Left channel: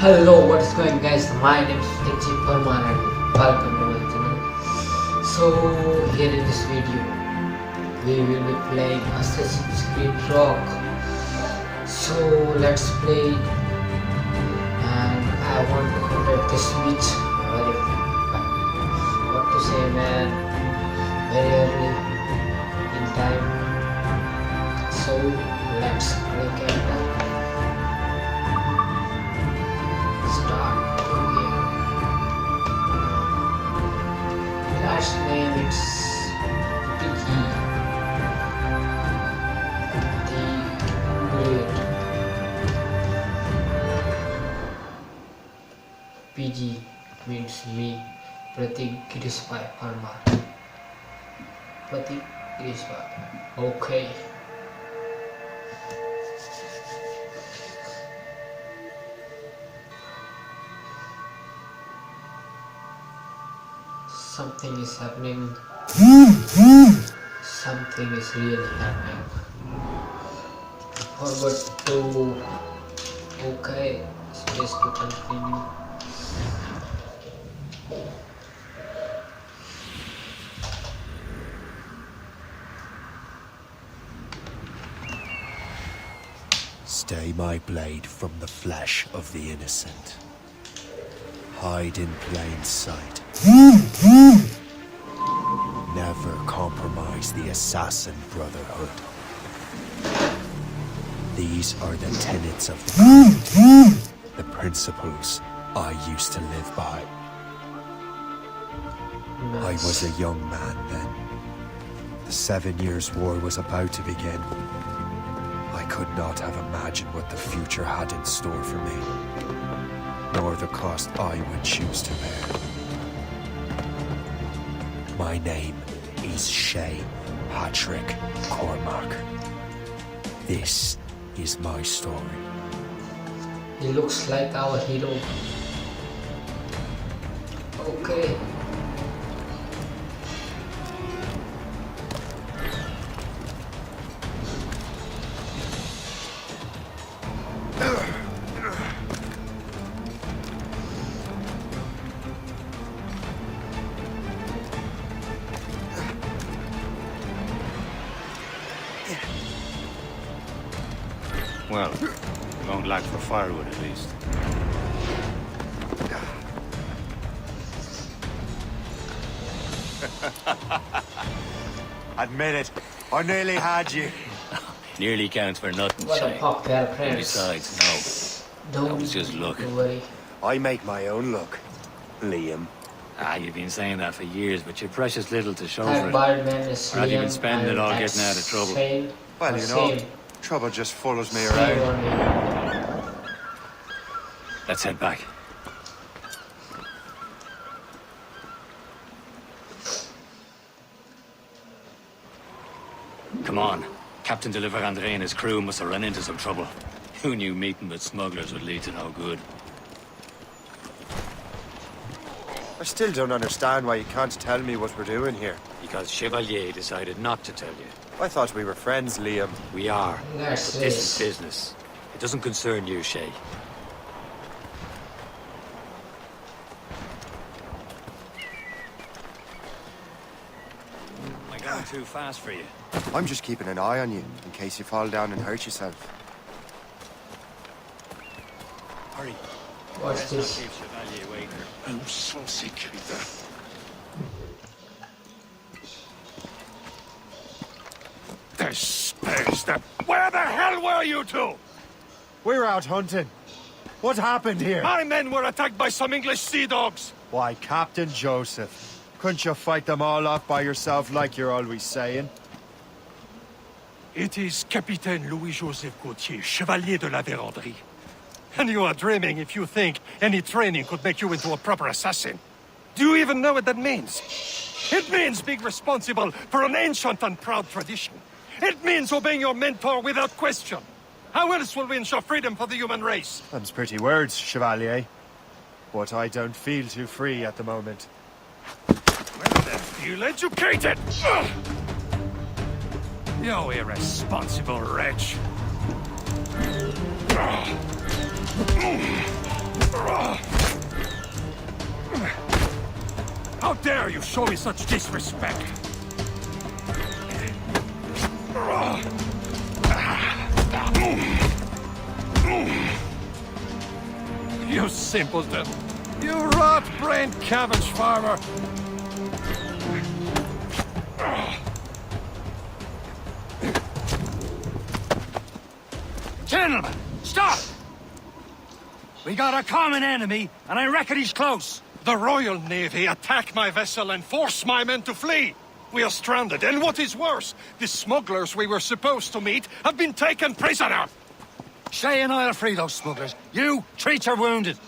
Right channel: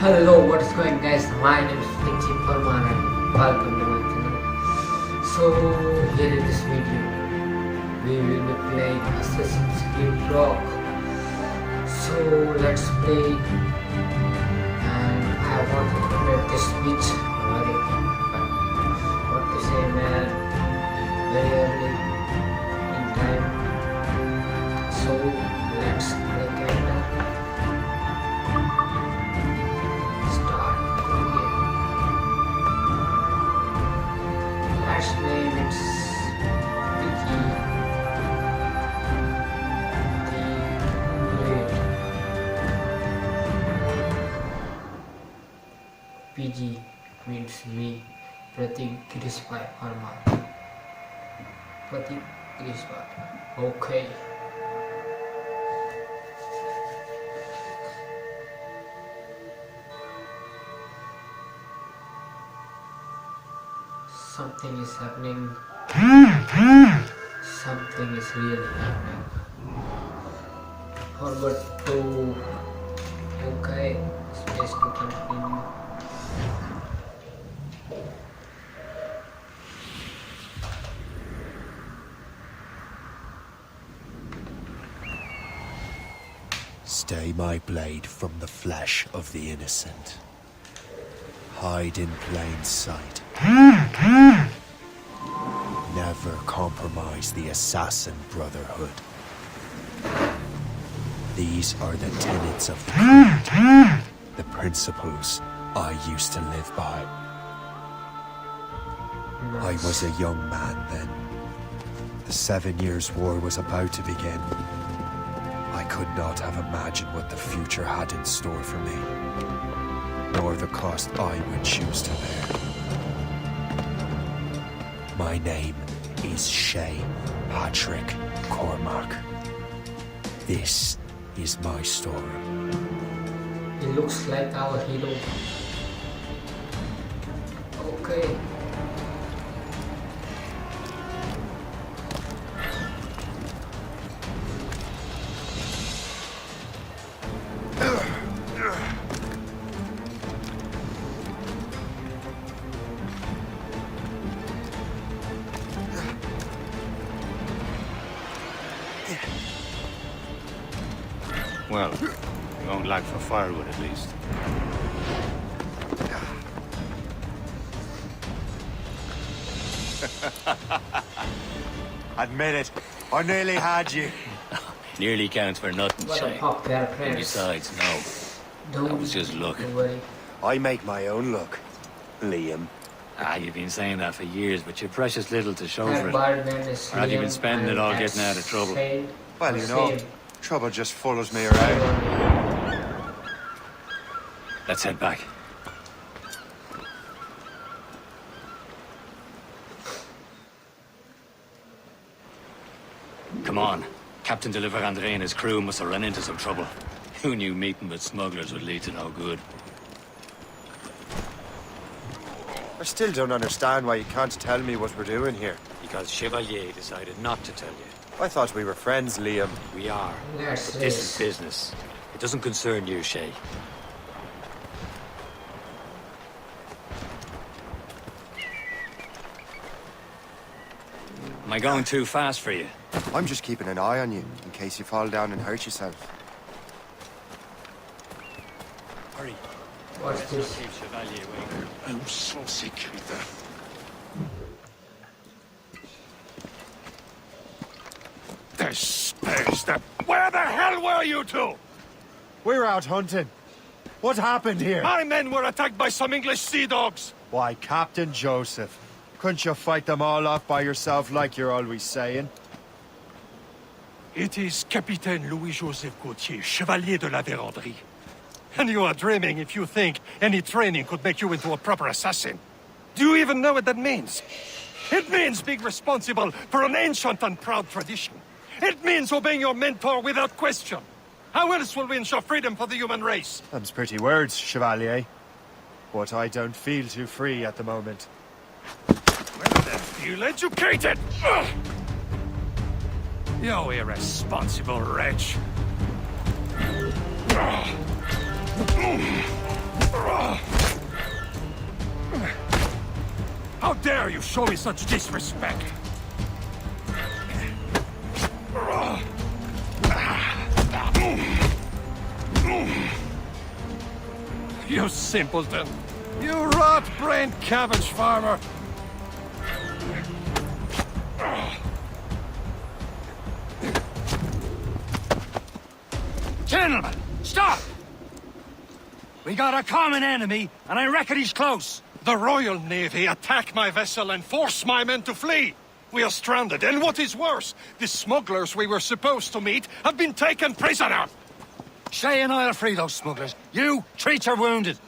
Hello, what is going guys? My name is Templar and welcome to my channel. So here in this video we will be playing Assassin's Creed Rock. So let's play, and I want to complete this beach very what to say man, very early in time. So let's play character. Last name it's Vicky the Great. PG means me. Pratik Girishbhai Parmar. Pratik Girishbhai. Okay. Something is happening. Something is really happening. Forward to. Okay. Space to continue. Stay my blade from the flesh of the innocent. Hide in plain sight. Never compromise the assassin brotherhood. These are the tenets of the creed, the principles I used to live by. I was a young man then. The 7 Years' War was about to begin. I could not have imagined what the future had in store for me, nor the cost I would choose to bear. My name is Shay Patrick Cormac. This is my story. He looks like our hero. Okay. Well, you won't lack for firewood at least. Admit it, I nearly had you. Nearly counts for nothing, What a Shay. pop there, And friends. besides, no. That was just luck. Don't worry. I make my own luck, Liam. You've been saying that for years, but you're precious little to show That for it. bad man is Or have you been Liam, spending it and all that's getting out of trouble? same- Well, you know, same- trouble just follows me same around. on me. Let's head back. Come on. Captain Deliver Andre and his crew must have run into some trouble. Who knew meeting with smugglers would lead to no good? I still don't understand why you can't tell me what we're doing here. Because Chevalier decided not to tell you. I thought we were friends, Liam. We are. That's But this it. is business. It doesn't concern you, Shay. Am I going too fast for you? I'm just keeping an eye on you, in case you fall down and hurt yourself. Hurry. What's Let's not this? keep Chevalier waiting. Où sont ces crétins? Where the hell were you two? We're out hunting. What happened here? My men were attacked by some English sea dogs. Why, Captain Joseph. Couldn't you fight them all off by yourself like you're always saying? It is Capitaine Louis-Joseph Gauthier, Chevalier de la Vérendrye. And you are dreaming if you think any training could make you into a proper assassin. Do you even know what that means? It means being responsible for an ancient and proud tradition. It means obeying your mentor without question. How else will we ensure freedom for the human race? Them's pretty words, Chevalier. But I don't feel too free at the moment. Well then, feel educated! Ugh! You irresponsible wretch. How dare you show me such disrespect? You simpleton! You rot-brained cabbage farmer! Gentlemen, stop! We got a common enemy, and I reckon he's close. The Royal Navy attack my vessel and force my men to flee! We are stranded, and what is worse, the smugglers we were supposed to meet have been taken prisoner! Shay and I'll free those smugglers. You, treat your wounded.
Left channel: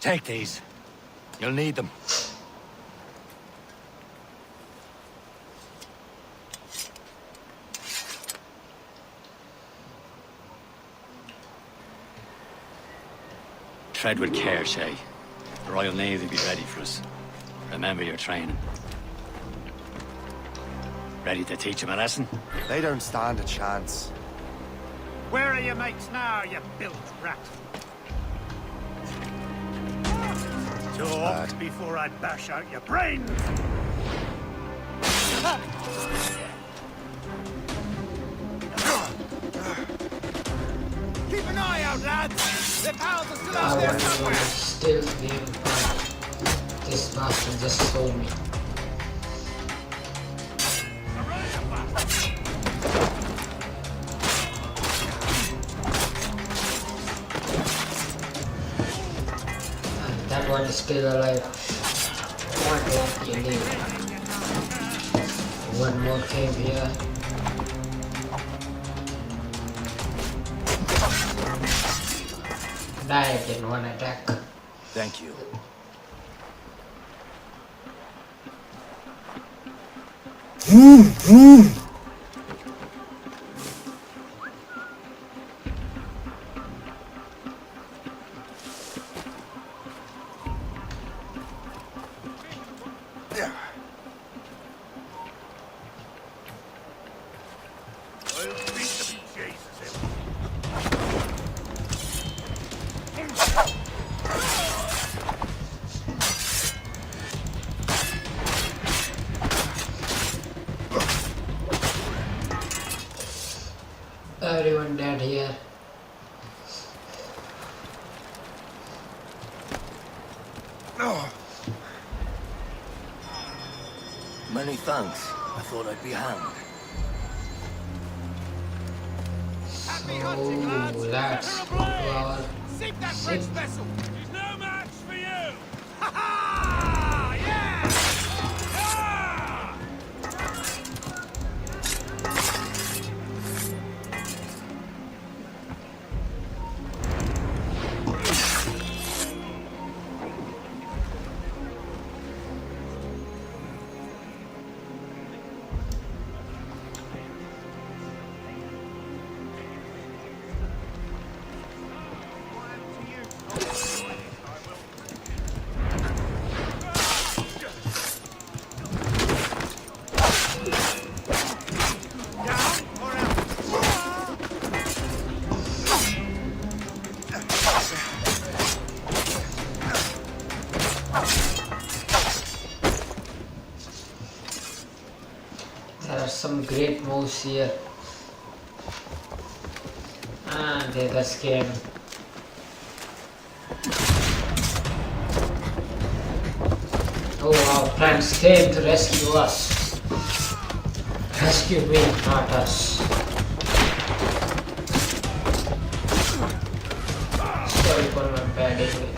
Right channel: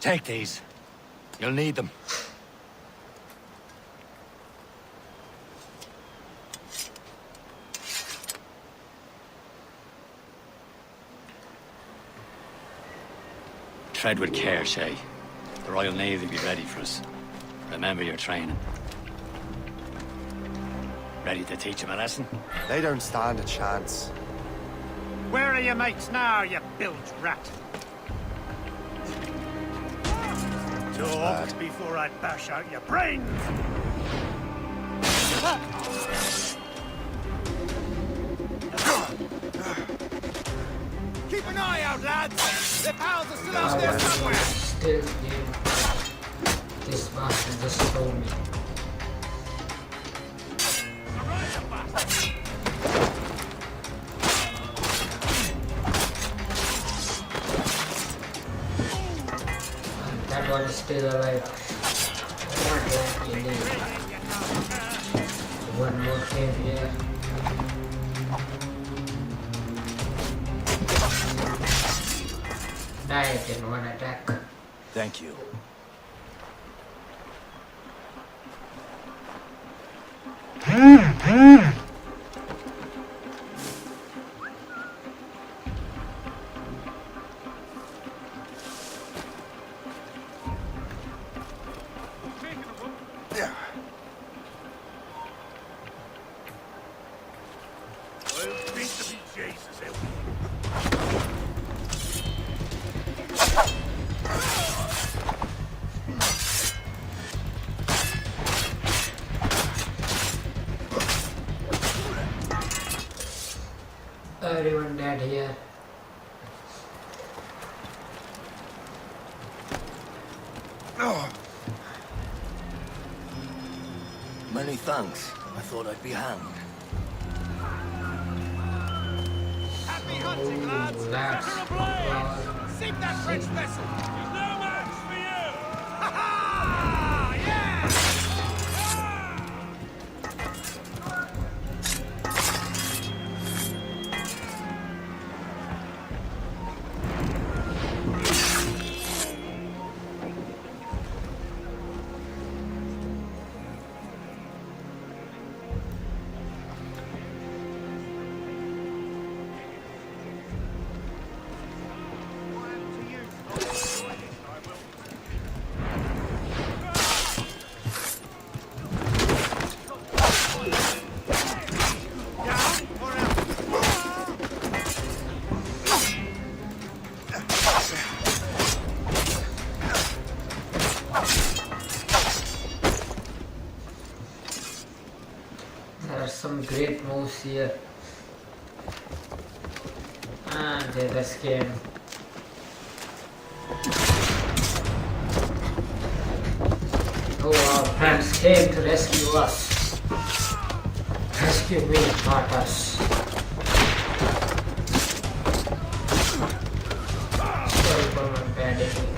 Take these. You'll need them. Tread with care, Shay. The Royal Navy will be ready for us. Remember your training. Ready to teach them a lesson? They don't stand a chance. Where are your mates now, you bilge rat? Talk before I bash out your brains! Keep an eye out, lads! Their pals are still out there somewhere! Still game. This bastard just saw me. And that one is still alive. What do you need? One more cave here. Died in one attack. Thank you. Everyone dead here. Many thanks. I thought I'd be hanged. Happy hunting, lads! That's well, Sink that French vessel! He's no match for you! Ha ha! Yeah! there are some great moves here. And they just came. Oh, our friends came to rescue us. Rescue me, not us. Sorry for my bad English.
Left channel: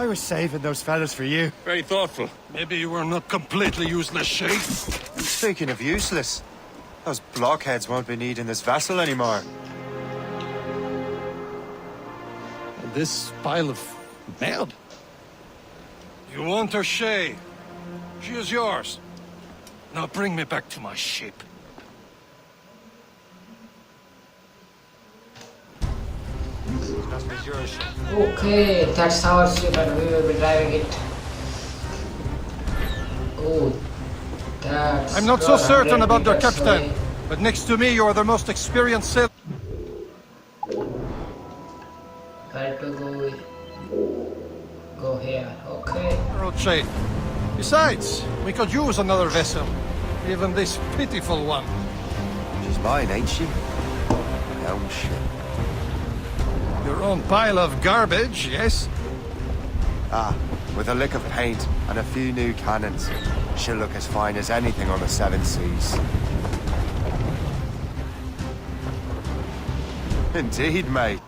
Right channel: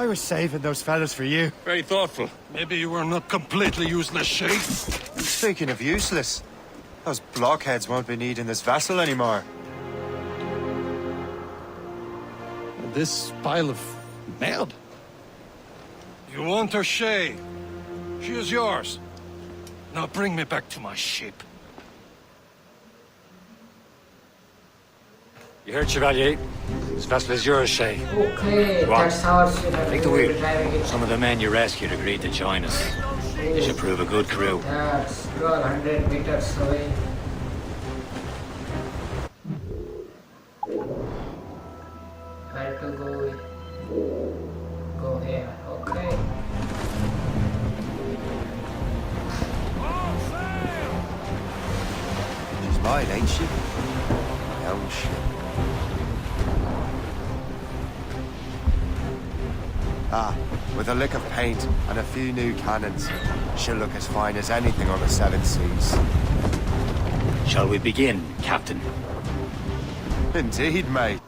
I was saving those fellas for you. Very thoughtful. Maybe you were not completely useless, Shay. Speaking of useless, those blockheads won't be needing this vessel anymore. And this pile of mud? You want her, Shay? She is yours. Now bring me back to my ship. You heard, Chevalier? This vessel is yours, Shay. Okay, that's our ship and we will be driving it. Some of the men you rescued agreed to join us. They should prove a good crew. That's I'm not so good, certain about their 100 meters captain, but next to me, you are the most experienced sailor. Where to go here, okay. Road trade. Besides, we could use another vessel, even this pitiful one. She's mine, ain't she? My own ship. Your own pile of garbage, yes? Ah, with a lick of paint and a few new cannons, she'll look as fine as anything on the seven seas. Shall we begin, Captain? Indeed, mate.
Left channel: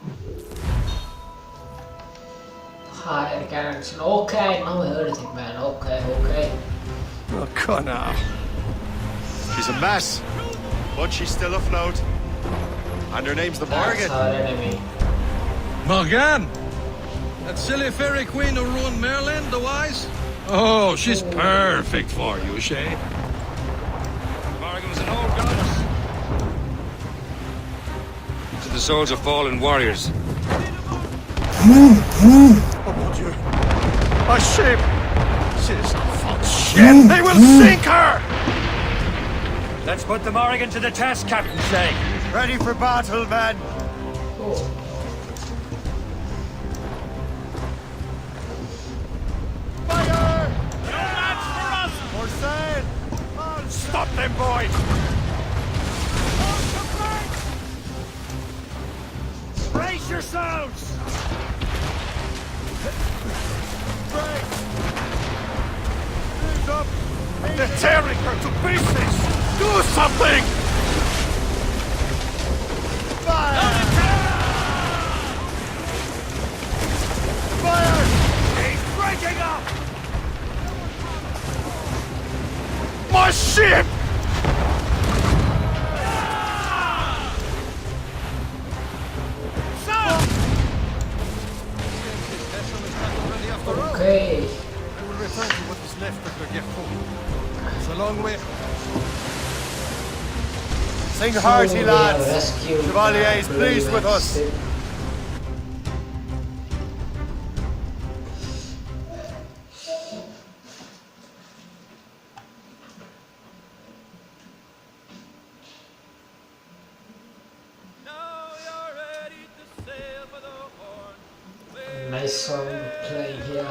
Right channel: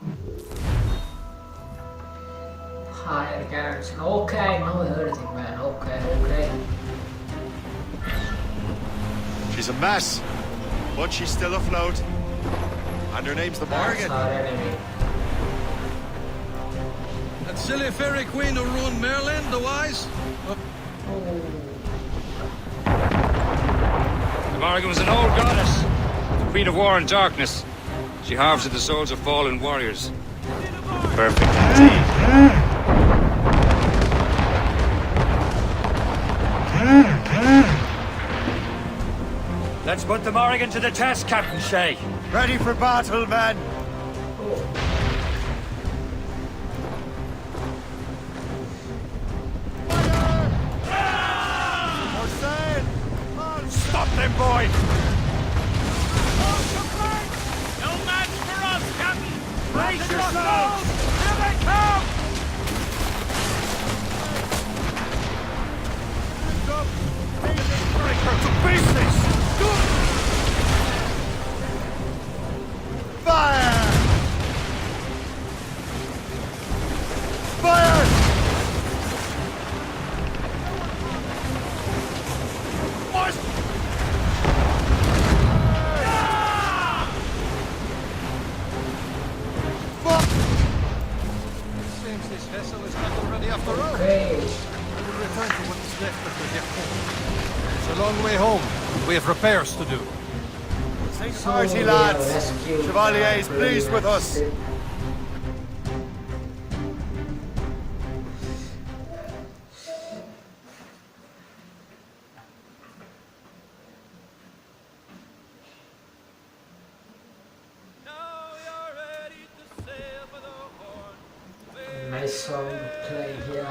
Higher garrison, okay, no everything man, okay. Oh, Connor. She's a mess, but she's still afloat. And her name's the That's Morgan. our enemy. Morgan! That silly fairy queen who ruined Merlin, the wise? Oh, she's perfect for you, Shay. Morrigan was an old goddess, queen of war and darkness. She harvested the souls of fallen warriors. Perfect. A ship! She's shit! They will sink her! Let's put the Morrigan to the test, Captain Shay. Ready for battle, men! Oh, Fire! More sail! Stop them, boy! Brace yourselves! They're tearing her to pieces! Do something! Fire! Fire! My ship! Seems this vessel is not already after all. okay. I will return to what is left of the Depot. It's a long way home. We have repairs to do. Sing So hearty, we lads. have rescued Chevalier is the pleased with us. ship. Nice song playing here.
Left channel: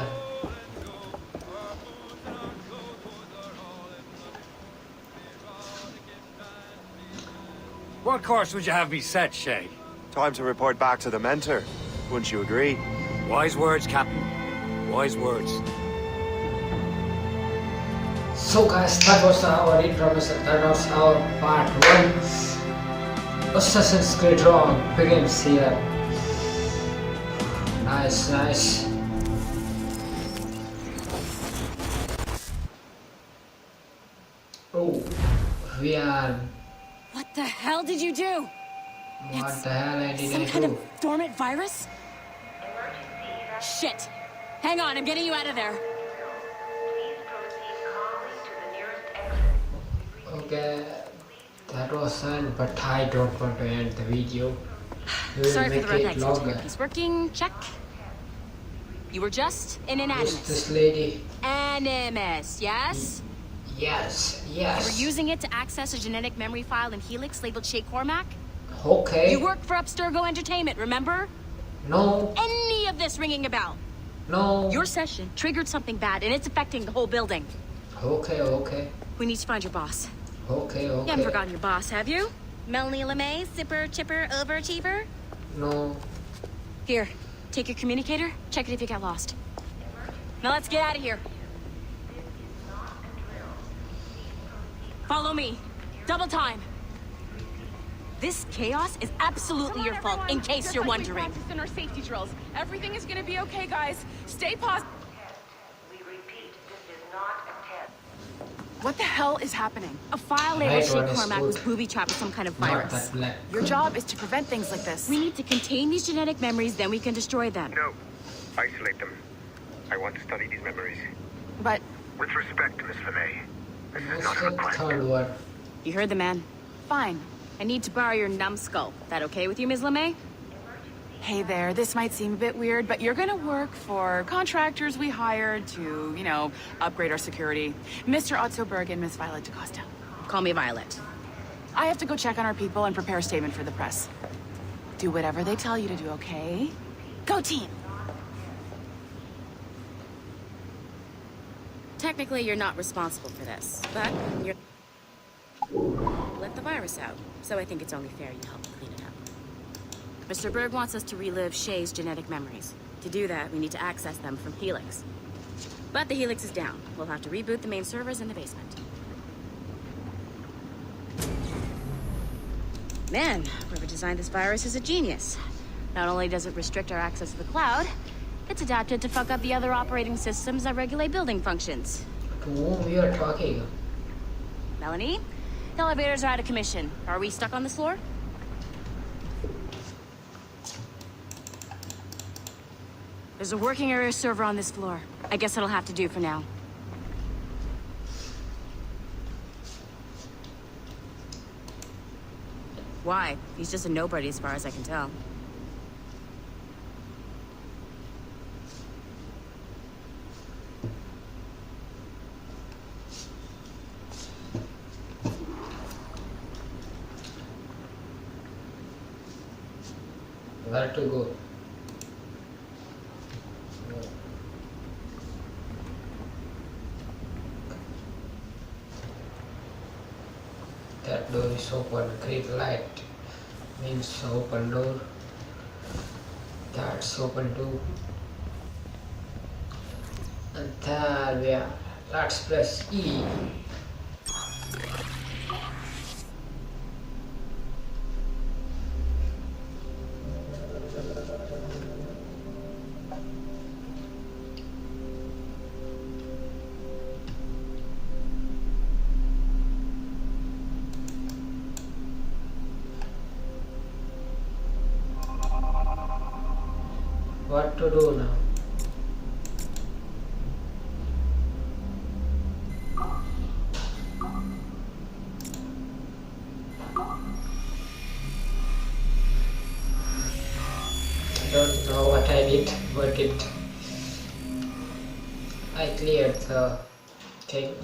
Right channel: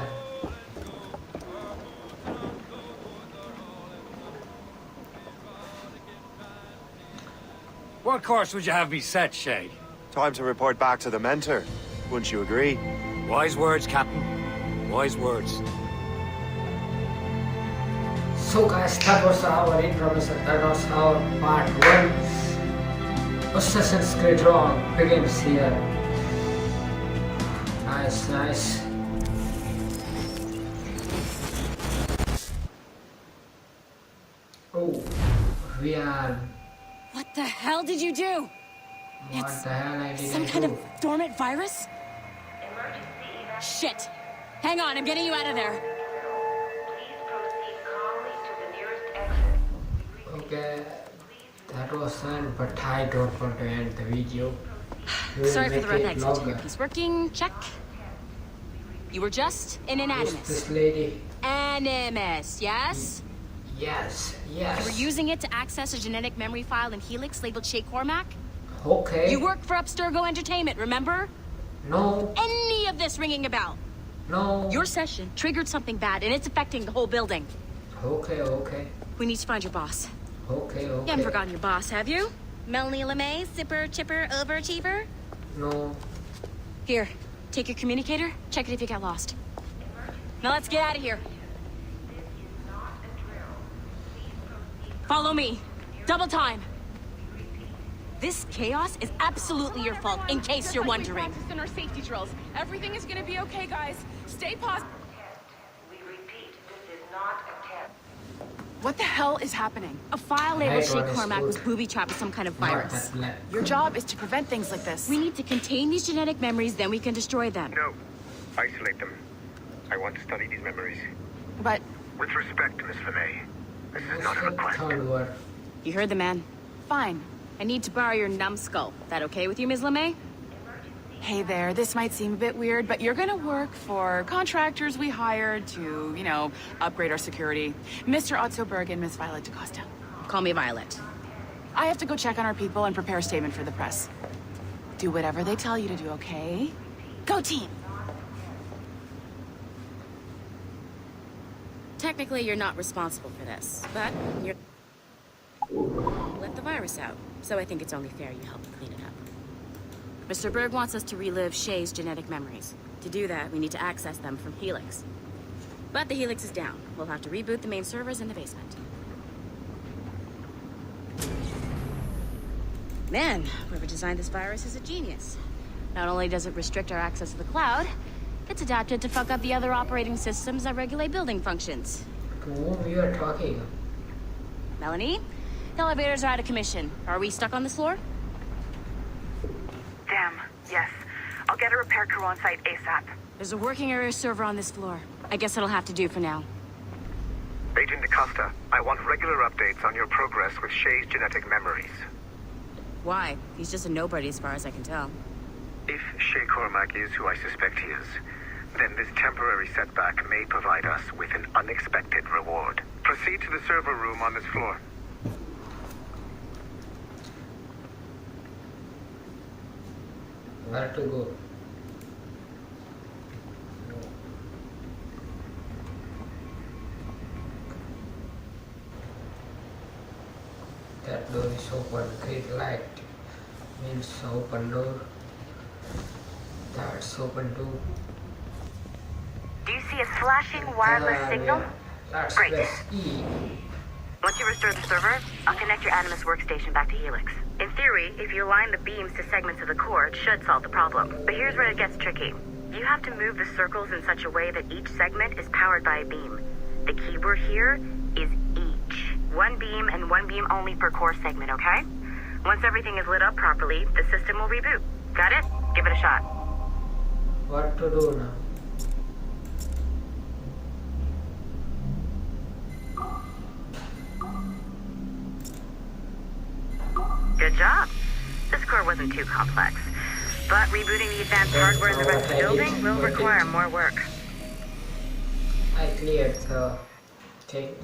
What course would you have me set, Shay? Time to report back to the mentor. Wouldn't you agree? Wise words, Captain. Wise words. So guys, that was our introduction, that was our part 1. Assassin's Creed Rogue begins here. Nice. Oh, we are... What the hell did you do? What the hell I did Some I kind do? of dormant virus? Shit! Hang on, I'm getting you out of there. Please proceed calmly to the nearest exit. Okay, that was fun, but I don't want to end the video. We will Sorry for the make rough it exit. longer. Piece working, check. You were just an Who's animus. this lady? Animus, yes? Yes. You were using it to access a genetic memory file in Helix labeled Shay Cormac? Okay. You worked for Abstergo Entertainment, remember? No. Any of this ringing a bell? No. Your session triggered something bad, and it's affecting the whole building. Okay. We need to find your boss. Okay. You haven't forgotten your boss, have you? Melanie LeMay, zipper, chipper, overachiever? No. Here, take your communicator, check it if you got lost. Now let's get out of here. Follow me. Double time. This chaos is absolutely your fault, in case you're wondering. We practiced in our safety drills. Everything is gonna be okay, guys. Stay positive. We repeat, this is not a test. What the hell is happening? A file Right labeled Shay one is Cormac good. was booby-trapped with some kind of Not virus. that black. Your job is to prevent things like this. We need to contain these genetic memories, then we can destroy them. No. Isolate them. I want to study these memories. But With respect, Miss LeMay, this is not a What's the request. third word? You heard the man. fine. I need to borrow your numbskull. That okay with you, Ms. LeMay? Hey there, this might seem a bit weird, but you're gonna work for contractors we hired to, you know, upgrade our security. Mr. Otto Berg and Miss Violet DaCosta. Call me Violet. I have to go check on our people and prepare a statement for the press. Do whatever they tell you to do, okay? Go team! Technically, you're not responsible for this, but you're... let the virus out, so I think it's only fair you help clean it up. Mr. Berg wants us to relive Shay's genetic memories. To do that, we need to access them from Helix. But the Helix is down. We'll have to reboot the main servers in the basement. Man, whoever designed this virus is a genius. Not only does it restrict our access to the cloud, it's adapted to fuck up the other operating systems that regulate building functions. To whom you are talking? Melanie? The elevators are out of commission. Are we stuck on this floor? Damn, yes. I'll get a repair crew on site ASAP. There's a working area server on this floor. I guess it'll have to do for now. Agent DaCosta, I want regular updates on your progress with Shay's genetic memories. Why? He's just a nobody as far as I can tell. If Shay Cormac is who I suspect he is, then this temporary setback may provide us with an unexpected reward. Proceed to the server room on this floor. Where to go? That door is open. Green light means open door. That's open too. Do you see a flashing wireless signal? Yeah. Let's Great. press E. Once you restore the server, I'll connect your Animus workstation back to Helix. In theory, if you align the beams to segments of the core, it should solve the problem. But here's where it gets tricky. You have to move the circles in such a way that each segment is powered by a beam. The keyword here is each. One beam and one beam only per core segment, okay? Once everything is lit up properly, the system will reboot. Got it? Give it a shot. What to do now? Good job. This core wasn't too complex. But rebooting the advanced Don't hardware in know the rest of what the I building did, will but require it- more work. I cleared the thing.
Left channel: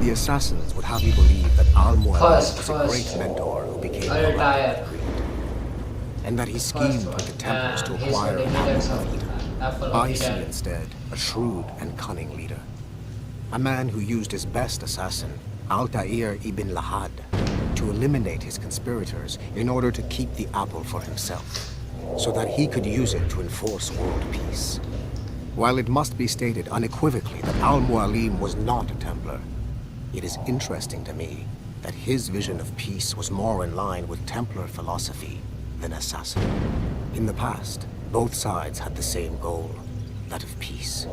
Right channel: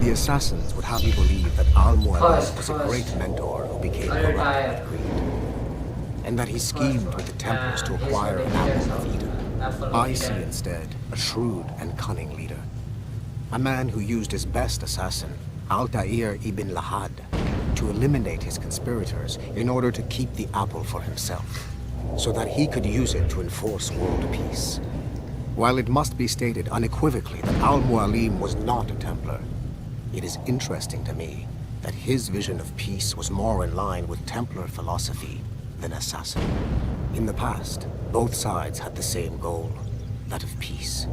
The assassins would have you believe that Al-Mualim was a First. great mentor who became I'll corrupt retire. with greed, and that he schemed with the Templars to he's acquire the an evidence apple of of Eden. apple of I see Eden. instead a shrewd and cunning leader, a man who used his best assassin, Altair ibn Lahad, to eliminate his conspirators in order to keep the apple for himself, so that he could use it to enforce world peace. While it must be stated unequivocally that Al-Mualim was not a Templar, it is interesting to me that his vision of peace was more in line with Templar philosophy than assassin. In the past, both sides had the same goal, that of peace.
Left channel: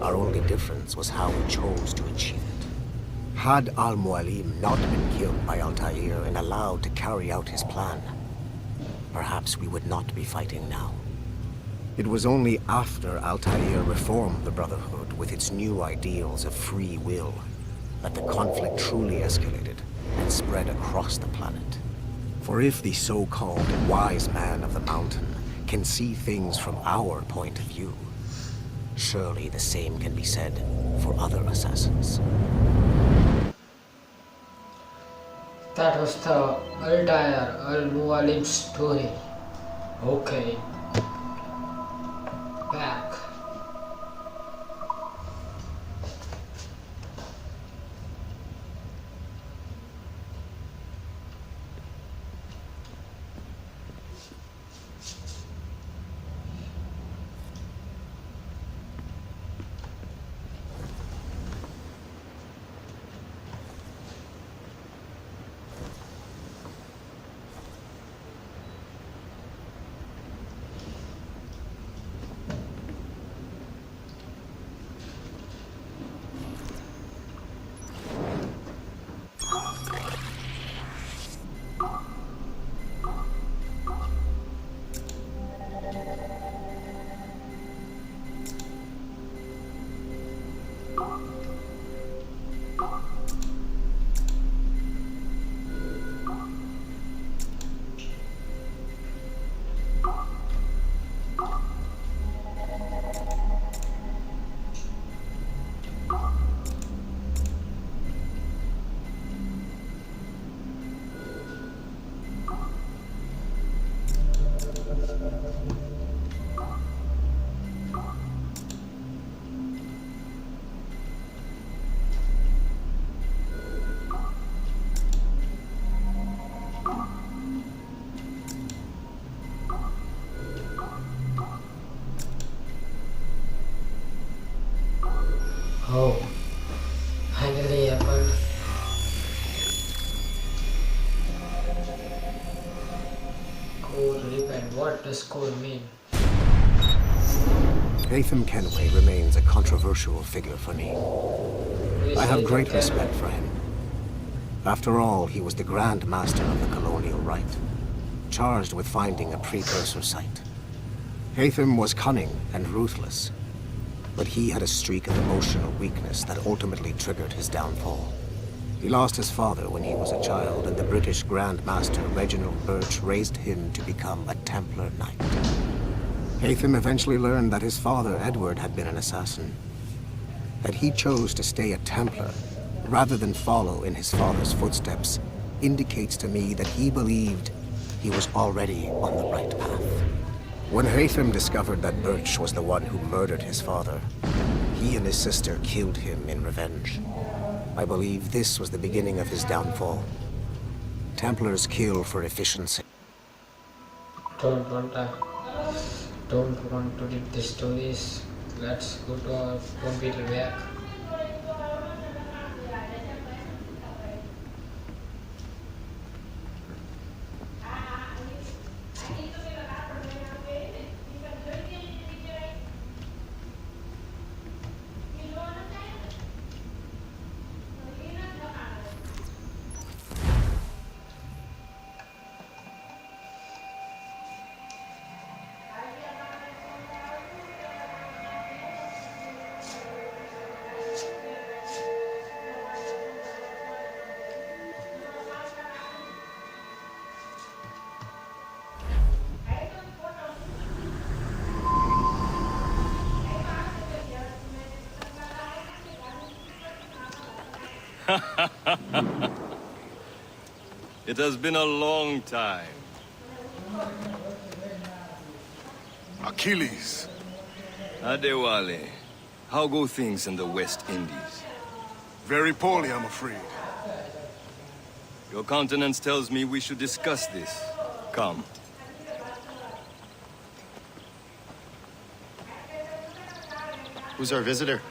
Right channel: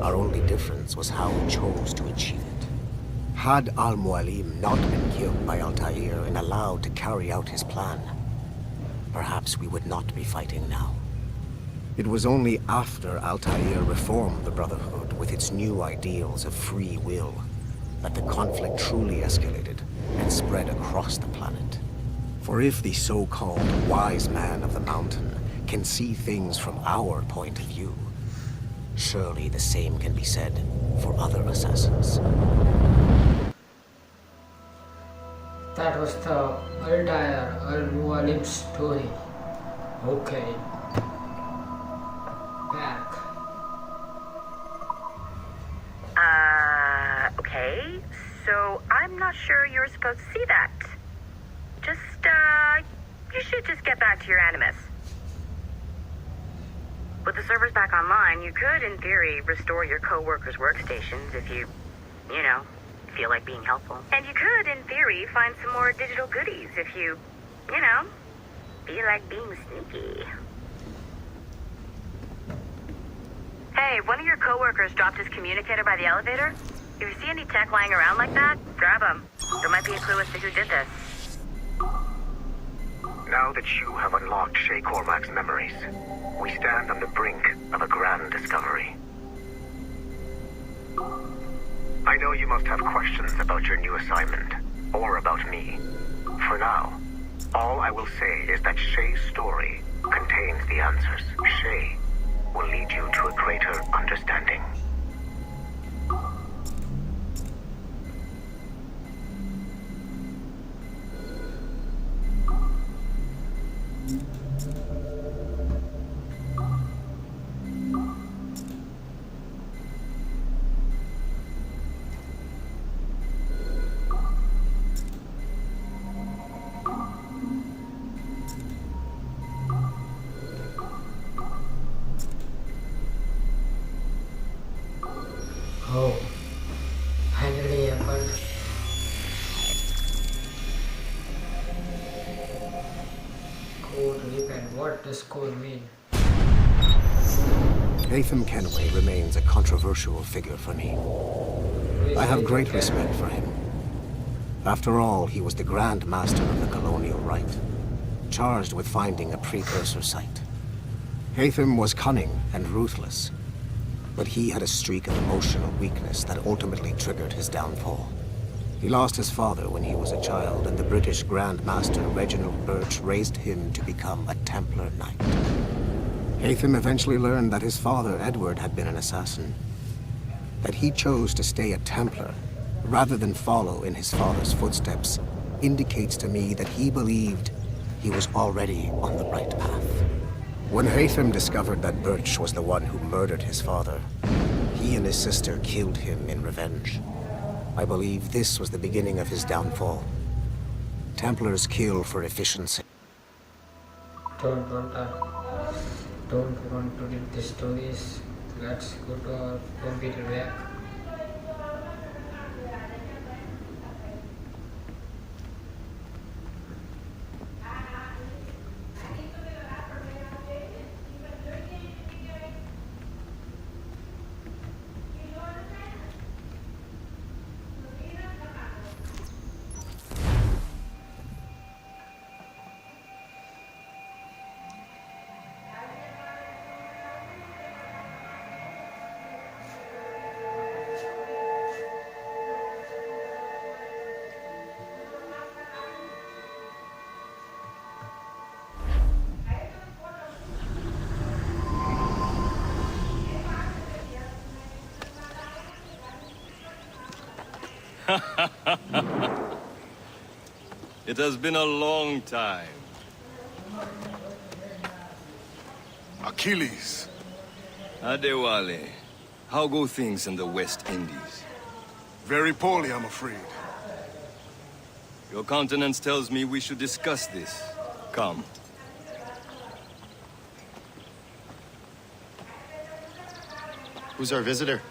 Our only difference was how we chose to achieve it. Had Al-Mualim not been killed by Altair and allowed to carry out his plan, perhaps we would not be fighting now. It was only after Altair reformed the Brotherhood with its new ideals of free will that the conflict truly escalated and spread across the planet. For if the so-called wise man of the mountain can see things from our point of view, surely the same can be said for other assassins. That was the Altair Al-Mualim story. Okay. Back. Okay. So I'm not sure you were supposed to see that. Just, you should just get back to your Animus. With the servers back online, you could, in theory, restore your co-workers' workstations if you feel like being helpful. And you could, in theory, find some more digital goodies if you feel like being sneaky. Hey, one of your co-workers dropped his communicator by the elevator. If you see any tech lying around like that, grab them. There might be a clue as to who did this. Now that you have unlocked Shay Cormac's memories, we stand on the brink of a grand discovery. I know you must have questions about your new assignment, or about me. For now, All I will say is that Shay's story contains the answers. Shay will lead you to a greater understanding. Oh, finally happened. Code repent. What does code mean? Haytham Kenway remains a controversial figure for me. I have great respect for him. After all, he was the Grand Master of the Colonial Rite, charged with finding a precursor site. Haytham was cunning and ruthless, but he had a streak of emotional weakness that ultimately triggered his downfall. He lost his father when he was a child, and the British Grand Master Reginald Birch raised him to become a Templar Knight. Haytham eventually learned that his father, Edward, had been an assassin. That he chose to stay a Templar, rather than follow in his father's footsteps, indicates to me that he believed he was already on the right path. When Haytham discovered that Birch was the one who murdered his father, he and his sister killed him in revenge. I believe this was the beginning of his downfall. Templars kill for efficiency. Don't want to read the stories. Let's go to our computer back. It has been a long time. Achilles. Adewale, how go things in the West Indies? Very poorly, I'm afraid. Your countenance tells me we should discuss this. Come. Who's our visitor?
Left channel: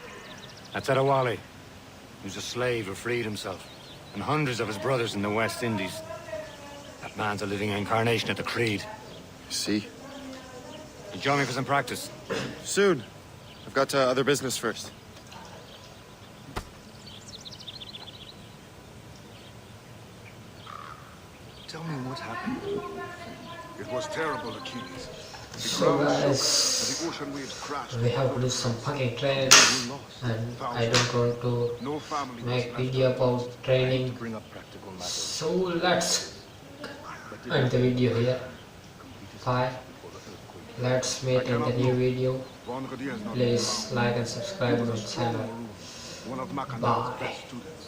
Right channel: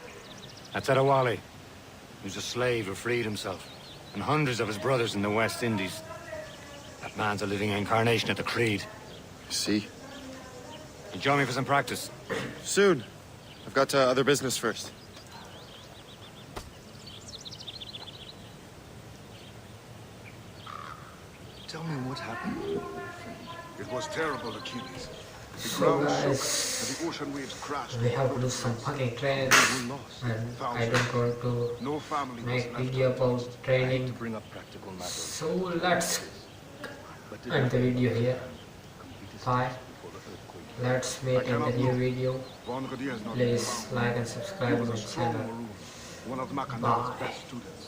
That's Adewale. He was a slave who freed himself, and hundreds of his brothers in the West Indies. That man's a living incarnation of the Creed. See? You join me for some practice? Soon. I've got other business first. Tell me what happened. It was terrible, Achilles. The So ground shook, guys, and the ocean waves crashed. we have to do some fucking training, and I don't want to make video about training. So let's end the video here. Bye. Let's meet in the new video. Please like and subscribe to my channel. One of Bye. best students.